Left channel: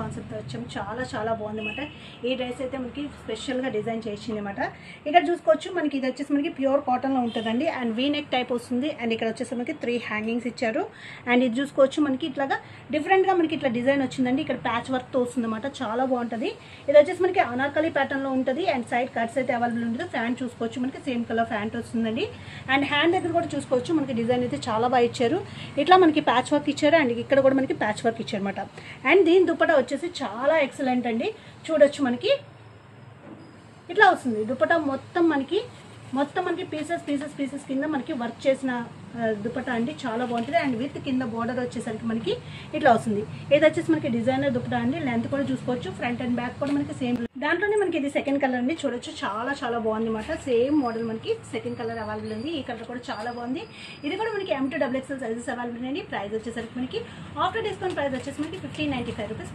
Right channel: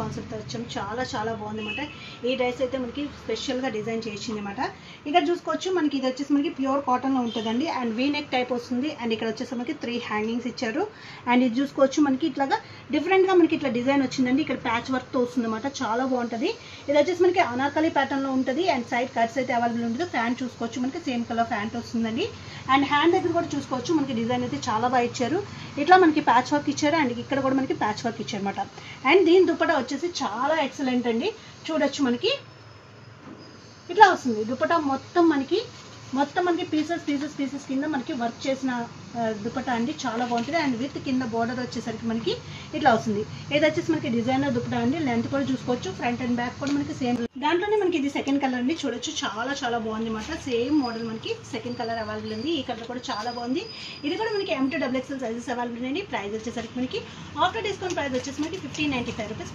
కాన్సెప్ట్తో వచ్చాము. చాలా చాలా బాగుందన్నమాట. ఈ డ్రెస్ అయితే మనకి స్పెషల్గా డిజైన్ చేసింది అనమాట. ఇక్కడ చూసుకోవచ్చు మనకి ఇది వచ్చేసి మనకి ప్యూర్ కాటన్లో ఉంటుందండి. అండ్ వీ నెక్ టైప్ వస్తుంది. అండ్ ఇక్కడ వచ్చేసి మనకి 3 హ్యాంగింగ్స్ ఇచ్చారు. అండ్ ఇది చూసుకోవచ్చు మనకి ఇట్లాగా డిఫరెంట్గా మనకి ఇట్లా డిజైన్ వచ్చిందండి. ఇక్కడ ప్యాచ్ వర్క్తో వస్తుంది అనమాట. చాలా బాగుంటుంది. ఇది వచ్చేసి మనకి అనార్కలి ప్యాటర్న్లో ఉంటుంది. అండ్ సైడ్ కట్స్ అయితే అవైలబుల్ ఉంటుంది. ఫ్యాంట్ చూసుకోవచ్చు మనకి సేమ్ కలర్ ఫ్యాంట్ వస్తుందండి. అండ్ హ్యాండ్ దగ్గర కూడా చూసుకోవచ్చు మనకి డిజైన్ అయితే చాలా బాగా ఇచ్చారు. ఇట్లా మనకి ప్యాచ్ వర్క్ ఇచ్చారు. అండ్ ఇక్కడ కూడా మనకి ప్యాచ్ వర్క్ ఇచ్చారు అనమాట. అండ్ దీని దుపట్టా వచ్చేసి చాలా ఎక్సలెంట్ అండి. చూడొచ్చు మనకి ఇట్లా వస్తుంది దుపట్టా మొత్తం మనకి పీసెస్ కింద మనకి వర్క్ చేసిన దుపట్టా అండి. చాలా బాగుంటుంది. అండ్ విత్ కింద బోర్డర్ వచ్చేసరికి మనకి ఇట్లా వస్తుంది. ఇది వచ్చేసి మనకి డిజైనర్ దుపట్టా అండి. లెంత్ కూడా చూసుకోవచ్చు. ఫ్రంట్ అండ్ బ్యాక్ కూడా మనకి సేమ్. దాంట్లోనే మనకి ఇది సెకండ్ కలర్ అండి. చూడొచ్చు చాలా చాలా బాగుంది అనమాట. సేమ్ మోడల్ మనకి సెకండ్ కలర్ అవైలబుల్ ఉంది. ఈ కలర్ కూడా చాలా బాగుంది. ఇది కూడా మనకి M to XXL sizes available అండి. ప్రైస్ వచ్చేసరికి మనకి ఆఫ్టర్ డిస్కౌంట్ ప్రైస్ వచ్చేసి మనకి 1595 రూపీస్.